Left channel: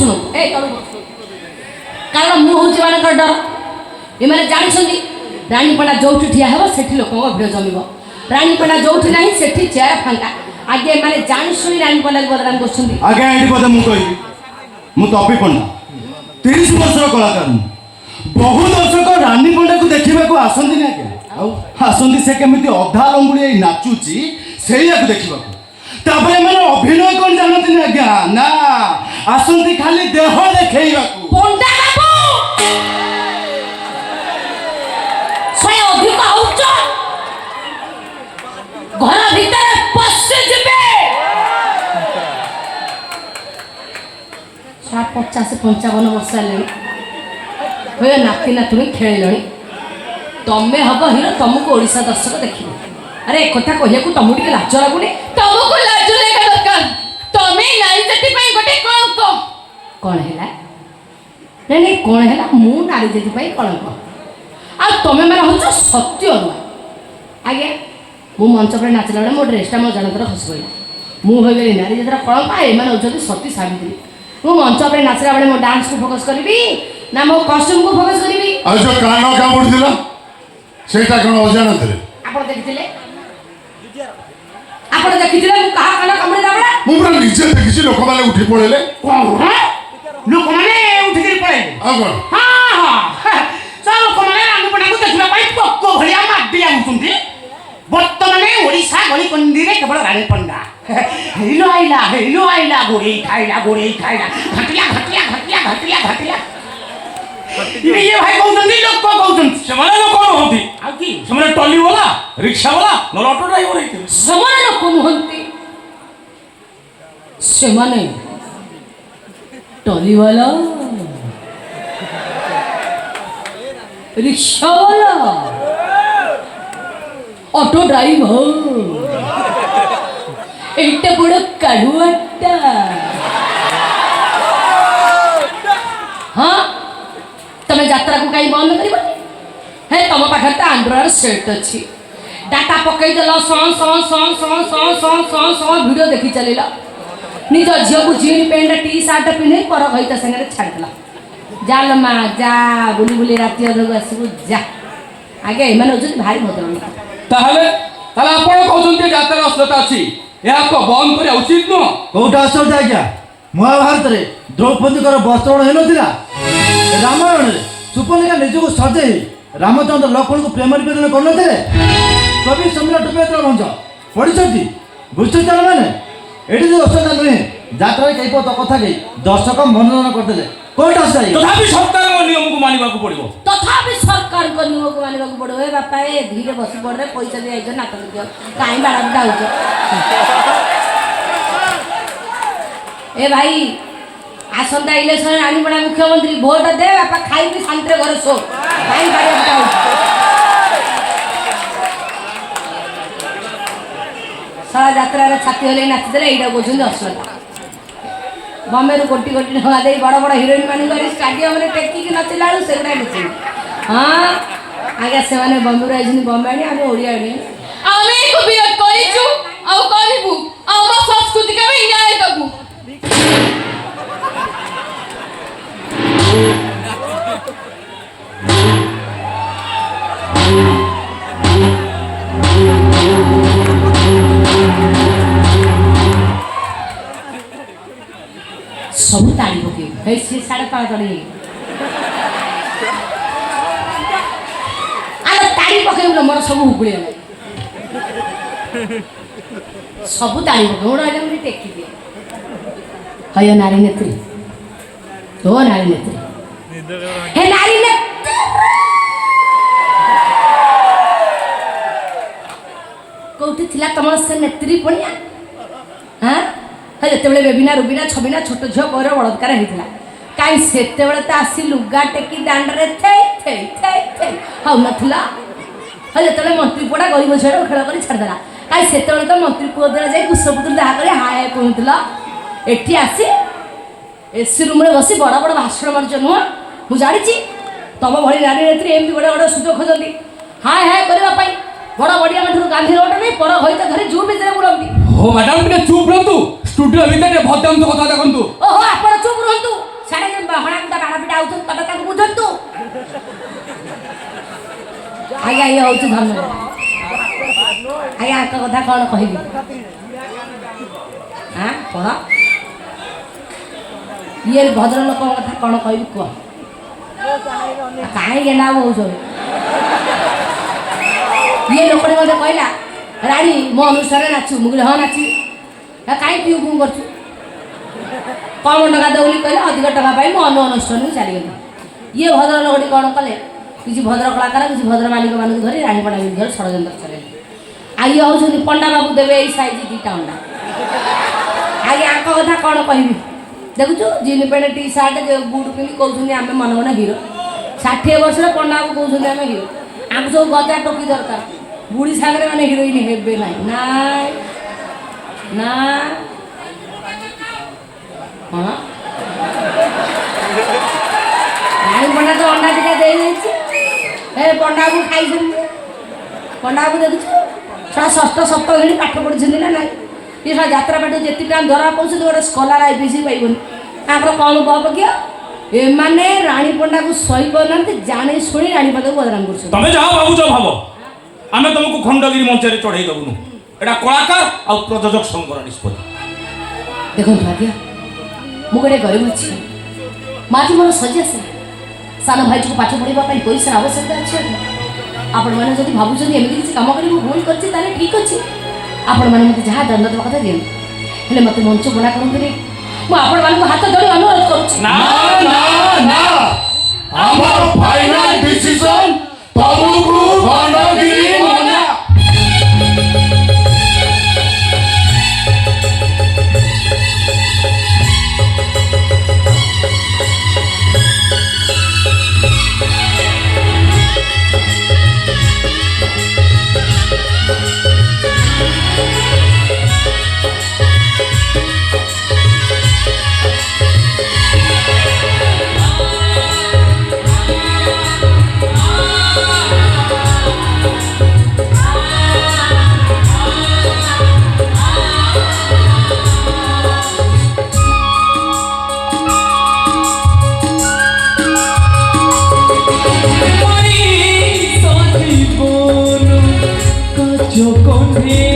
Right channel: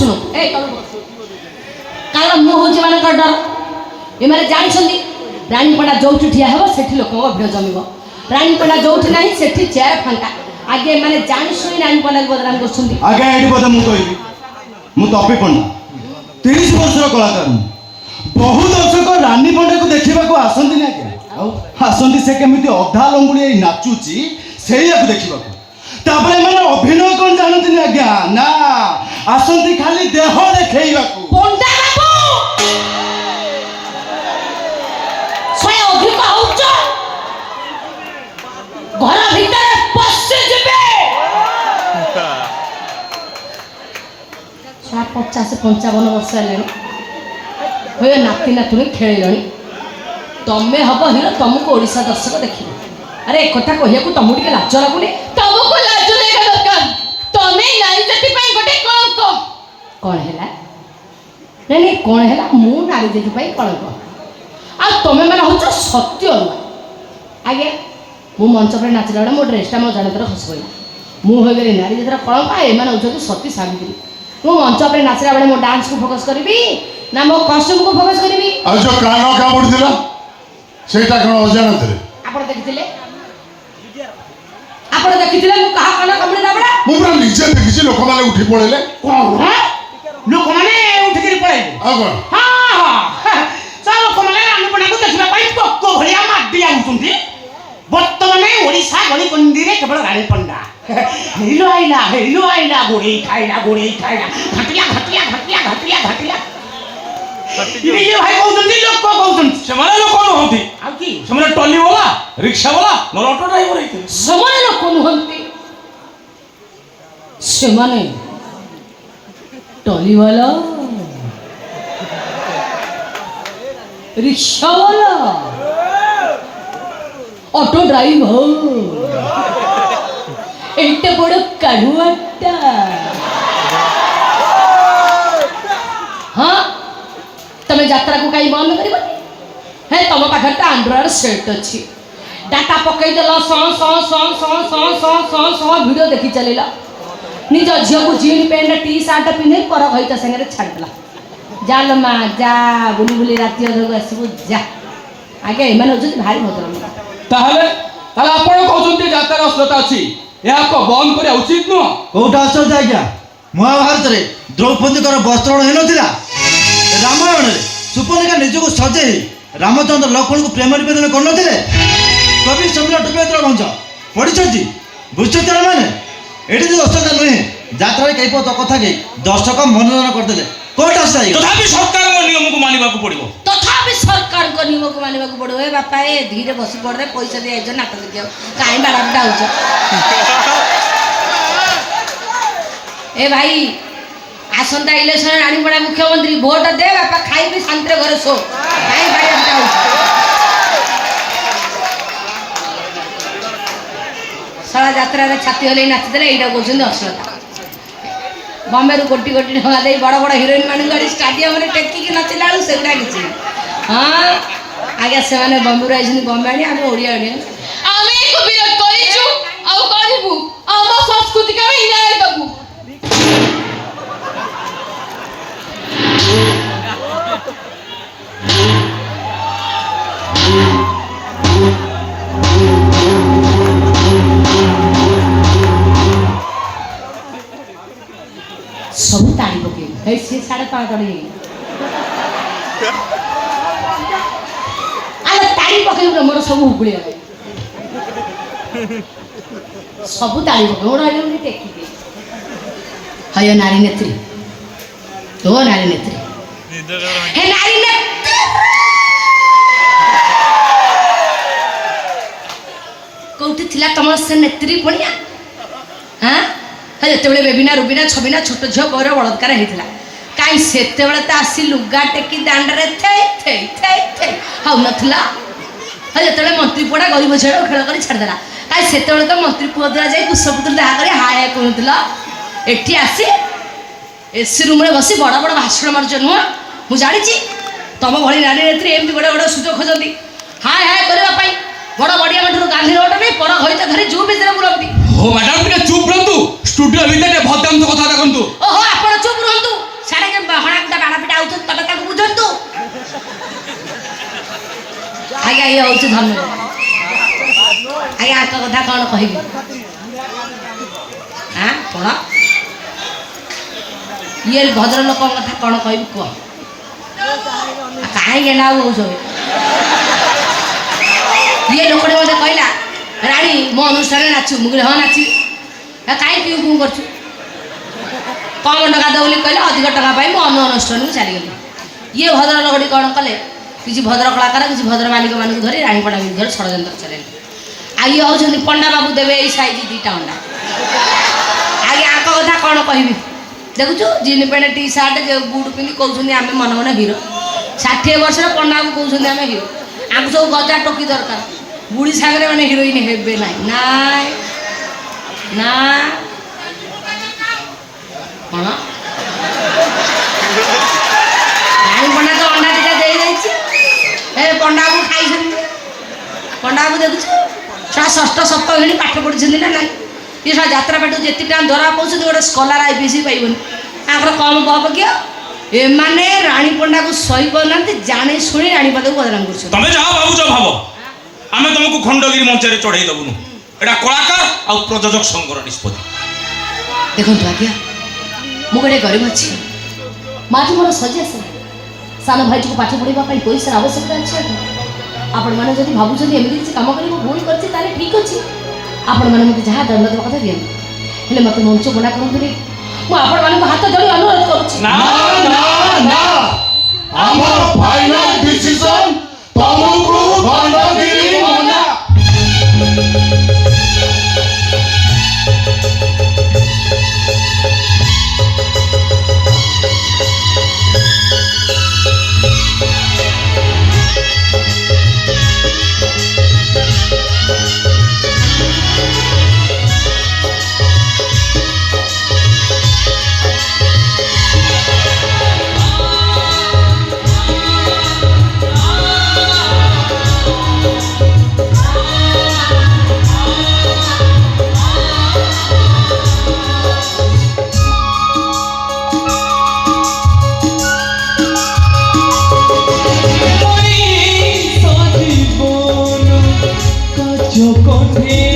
शुणु ए कारण मु हूँ मान डर एम जानते रानीपड़ा जो ठिया हे से लोक भिड़ जम रानीपड़ा जो ना से चेयर फांका आगे मैंने जानशुणी रानीपड़ा बदनाम कर आगे ये बोधे मुझे मुझे तपी पड़ना 30 वर्ष कलाकार बहु दर्शक रानीपड़ा को देखा आसती ना आसती से केमी अधा लंगुड़ी नाचुची से देखा मैंने अभिनय कौन जानती आज्ञा ना आसती खाली देह देखा घर भीतर पशु जीवे 50-55 वर्ष है नाती नातुणी खेल तमें हम हिरो तुमको ओडिशा दर्शक देखिए अरे एक कथा कहू तुमको टे लाज लगुनि तुमको लाज लगा दरकार तमें नारी जाति गोटे कलंक कौन है नहीं कौन है मु नारी जाति कलंक आ तुम मैंने हूँ सत्य आज्ञा मु मंच पर नाचला बेले मो ड्रेसटा मो जनकर खस गई मुझे नारी जाति कलंक एम हूँ सती सावित्री मु मंच पर नाचला बेले मो डांस को फोकस करी ना मो कॉस्ट्यूम को फोकस करी जो कान कामुड़ सेटा कौन अजान थे आपण देखिथिले आपण देखिथिले मु कहा कणा कमळिला बेले मु पूरा निजे देखिछि लोक माने उठी पळेले कोन लोक माने उठी करी पळेले आगो हां चलो लोक माने रानीपड़ा को देखिबा पई पक्को भलिया माडी आउछुंती वर्तमान ओडिशा गली कंदीरे केवल रानीपड़ा हेलो आइला गोड़ी खाइला घटिया ये भाई कहउछंती लोक कहउछंती सेमाने लोक कहउछंती आ की सेमाने टॉली वाला रिक्शा वाला न ऑटो ड्राइवर है सेमाने लोक कहउछंती सेमाने टॉली वाला रिक्शा वाला ऑटो ड्राइवर एटा बड़ काढुआटा हाँ तमे यात्रा को कहीं बंद कर हे तुम पाखे तो आंध्र सेट अच्छी डाटा पकई देल भिडियो देखी चल निज झील को जीन पैंट टी सार्ट पिंधे पर घईता संगे छाड़देला जाल माँ जा बुली बुली राति अधक आसबू जा आगे एम भारी बदल ताहले ताला आपण कहउछंती यात्रा असलता अछि या को बंद करिया उचित न कौटा असलता आज्ञा महाभारत रे द्रौपदी वस्त्रण हो नथिला रामायण रे सुपर्णिका निजको सजे रामचंद्र लक्ष्मण को प्रेम निवेदन कर नथिले कवि सम्राट उपेंद्र भंज पढ़ी बुझते मैंने ये जो असलता नुहे यात्रा कई कथा कही दर्शक मनोरंजन करते कौटा तथापि सरकार नियम को मानिबा को पड़िबो तथापि सरकार को नियम को मानिबा को पड़ो ए बापा ए धीरे बसी पड़ रे पैसा दे आइज नाटक दियो काई बाराबटा होछ ए भाई आसंता इलेक्शन रानीपड़ा मुख्यमंत्री भोट दे बापा खाई भी शांति घरे सो काई बाराबटा होछ सारा यात्रा रे छाती होले नाच देले एटा गोजन असलता बॉम्बे रू कोटी कोटी टका दे बड़ बड़ हिरोइन मान गाड़ी स्टेडियम रे टेकी की नाचिला से गुडा किछि हां आगे से माने बॉम्बे रू आइछन बॉम्बे आनी हम ओडिया आनी आमे को बिया करिछु आ करिबु हम संस्कृति का भी न्याय दबु सब ताड़ी पके है से 5:30 अरे ताड़ी पके मोर सब उगुले सब ताड़ी पके मोर आले मने टेकी दे हय नारी नेत्री तो नारी नेत्री हे नारी नेत्री कोठी थिला तमर से नेत्री पणिया हां हे जेतेबेले बेबिना रुबिना छबिना छोट झियो पर बलात्कार हेतिला काई सेतेबेले त आसी लुगा टेकी दांडरे थे थे थे थे हाउ नथला हे जेतेबेले मंत्री पड़ा गरीब झेड़ खेल करी छाड़ देला काई सेतेबेले त मंत्री पुओ द्वारा जाई कुसपुत्र दाहा करी हाय कहतला एठी आसी एसी रूम रे बसी बड़ा बड़ा भाषण मारछ नु मु जानि छी तम भली नारी नेत्री एमती बड़ा बड़ा सुजोग खोजंती हाय हाय करबा पई बड़ा बड़िया मठुर गांधी रोड नहीं पर होइता घरे जू बिजरा बुलंती हो मैडम टिके चुप रहंतु स्टूडियो भीतर भद्दाम तो कथा देखंतु ओहो आपण चुप रहंतु ଆଜ୍ଞା ଇଏ ହେଉଛି ଧନ୍ୟବାଦ ଆଜ୍ଞା ଆଙ୍କ କଥା କ'ଣ କହିବି ଆଁ କ'ଣ ଇଏ ଭଦ୍ର ଲୋକଙ୍କ କଥା କ'ଣ କହିବି କୁହ କାହିଁକି ନା ହଉଛ ଇଏ ଲୋକଟେ ମୋତେ କହିଲା ରାଣୀ ମୋ ଅନୁଷ୍ଠାନରେ ନାଚୁ ମୁଁ କହିଲି ହଁ ନାଚିବି କାହିଁ ପିଉ ପିଉ କରୁଛୁ କମ୍ ଟଙ୍କା ଦେବ ବୋଲି କହିଲେ ଅଧିକ ଟଙ୍କା ପାଇ ମୁଁ ଅନ୍ୟ ଅନୁଷ୍ଠାନକୁ ଚାଲିଗଲି ଇଏ ଭଦ୍ର ଲୋକଟି କ'ଣ କଲେ କିଛି ଭଦ୍ର କଳାକାର କିଛି ଭଦ୍ର ମାଲିକମାନଙ୍କୁ ଧରି ରାଣୀପଡ଼ା ବିରୁଦ୍ଧରେ ଷଡ଼ଯନ୍ତ୍ର ଚଲେଇଲେ ଆଉ ଇଏ ହେଉଛନ୍ତି ପଣ୍ଡା ବାବୁ ଦେବେ ଏଇ ସାଇଜ୍ 2ଟା ଅଣ୍ଡା ଆଜ୍ଞା ଆଙ୍କ କଥା କ'ଣ କହିବି ଦେଖୁଛୁ jean pant T shirt boot ପିନ୍ଧି କହୁଛନ୍ତି ଆମେ ମନ ମନ ହିରୋ 60 ବର୍ଷର ପଣ୍ଡାକୁ କହୁଛନ୍ତି ଆମେ ହିରୋ ଆମକୁ ସବୁ ଗଜା ଟୋକି ଦରକାର ବୁଢ଼ୀ ସାଙ୍ଗରେ ମାନେ ହିରୋଇନ୍ ହେବେ ନାହିଁ ନାଇଁ ନା କ'ଣ ରାଣୀ ପଣ୍ଡା ତ ଅଣ୍ଡା 2ଟା ଦେଇଯାଇଛି ଏ ପଣ୍ଡାକୁ ଖାଇଛନ୍ତି ପଣ୍ଡାକୁ ଦେଖୁଛୁ ଛୁଆ 6ଠ 7ଠ ଘେଣି ପାଠ ପଢ଼ିଛନ୍ତି ନା ନାହିଁ ଇଏ ସବ ଯାତ୍ରା ପାଠ ଯେତିକି ଟଙ୍କା ଧରା ପାଉଛନ୍ତି ଗୋଟେ ସ୍କଲାର IPC ପାଇବନି ତାଙ୍କର କମ୍ ବହପ କିଏ ଏମାନେ ରାଣୀ ପଣ୍ଡାକୁ ସହି ପାରୁନାହାନ୍ତି ଜାଣି ଶୁଣି ରାଣୀ ପଣ୍ଡାକୁ ବଦନାମ କରୁଛନ୍ତି ତମେ ଯାହା ଭାବୁଛ ଭାବ ଆମେ ତମକୁ ଖଣ୍ଡଗିରି ମଞ୍ଚରେ ଚଢ଼େଇ ଦେବୁନୁ ଏଇଟା କଳାକାର ଆଉ ପ୍ରଯୋଜକ ସଂଘର ନିଷ୍ପତ୍ତି ଦେଖନ୍ତୁ ଆଜ୍ଞା ମୁଁ ଗୋଟେ ଗରିବ ଅଛି ମାଟି ମୋର ସଜି ଆସେ ସାନ ଭାଇଟିକୁ ପାଠ ପଢ଼ିବା ପାଇଁ ପଇସାର ଆବଶ୍ୟକତା ଅଛି ଆପଣମାନେ ଯଦି ଭାବୁଛନ୍ତି ଏମିତି କିଛି କାମ କରି ମୁଁ ଭୁଲ କରିଛି ତାହେଲେ ଠିକ୍ ଅଛି ଆପଣମାନେ ମୋତେ ଯାହା ଦଣ୍ଡ ଦେବା କଥା ଦିଅନ୍ତୁ ହେଲେ ମୋତେ ମଞ୍ଚ ମନା କରନ୍ତୁନି ମୁଁ ଆପଣମାନଙ୍କୁ ହାତ ଧରି ଅନୁରୋଧ କରୁଛି ନା ନା ନା ଆମର ଫାଇନାଲ ଡିସିଜନ ତମକୁ ଖଣ୍ଡଗିରି ମନା Yo con